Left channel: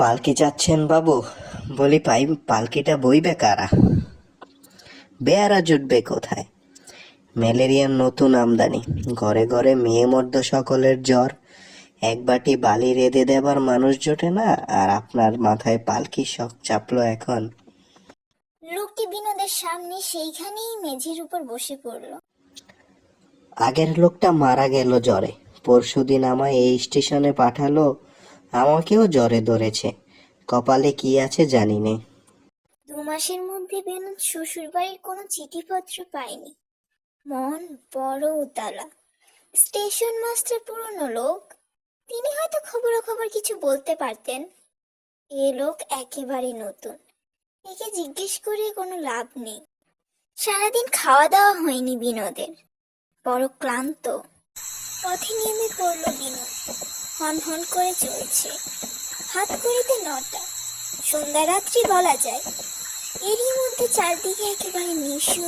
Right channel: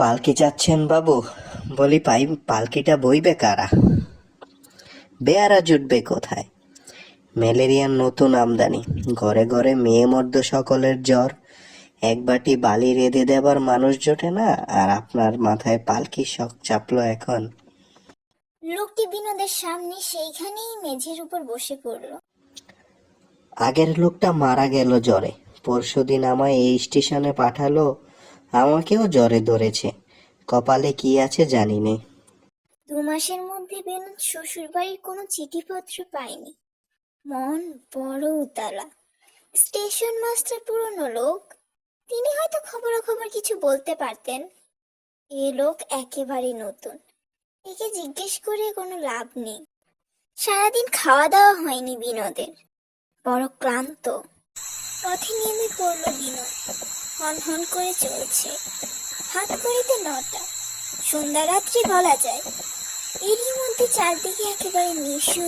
পালকি চাচ্ছেন বাবু? বলি পালকিটা বইবে কারা? বেয়ারা জুটবে কোথায়? ম্যালেরিয়ার নতুন আমদানি, ঘরে ঘরে মেয়ে মর্দ সকলের জ্বর। এক বাটি বালি রেঁধে দেবার মানুষ জোটে না, আর আপনার মাথায় পালকির শখ চাপলো এখন। লোকটি বিনোদের সামনে সেইখানেই মেঝের উপর বসে পড়ল। আগের লোকটা মারা গেল জ্বরে, পরশুদিন আমায় এই স্টেশনে পাঠালো, আমাকেও জ্বরে ধরেছে। কপালে কি আছে জানি নে। 2 মাসের মধ্যে বিনোদ শ্বশুরবাড়ির কোনো চিঠিপত্র পায়নি। মন বড় উতলা। স্টেশন মাস্টার পুরনো লোক, তিনি হয়তো খবরাখবর কিছু বলতে পারতেন। এ লোক একেবারে নতুন, একে জিজ্ঞেস করে কোনো লাভ নেই। সারাদিন খাওয়া দাওয়া হয়নি বিনোদের, বড় ক্লান্ত। পথে নেমে পড়ল বিনোদ। হন হন করে চলছে। হাত ঘড়িতে 9টা, সন্ধ্যা রাত্রি বলা যায়। এরই মধ্যে চারদিকে একেবারে নিঃশব্দ।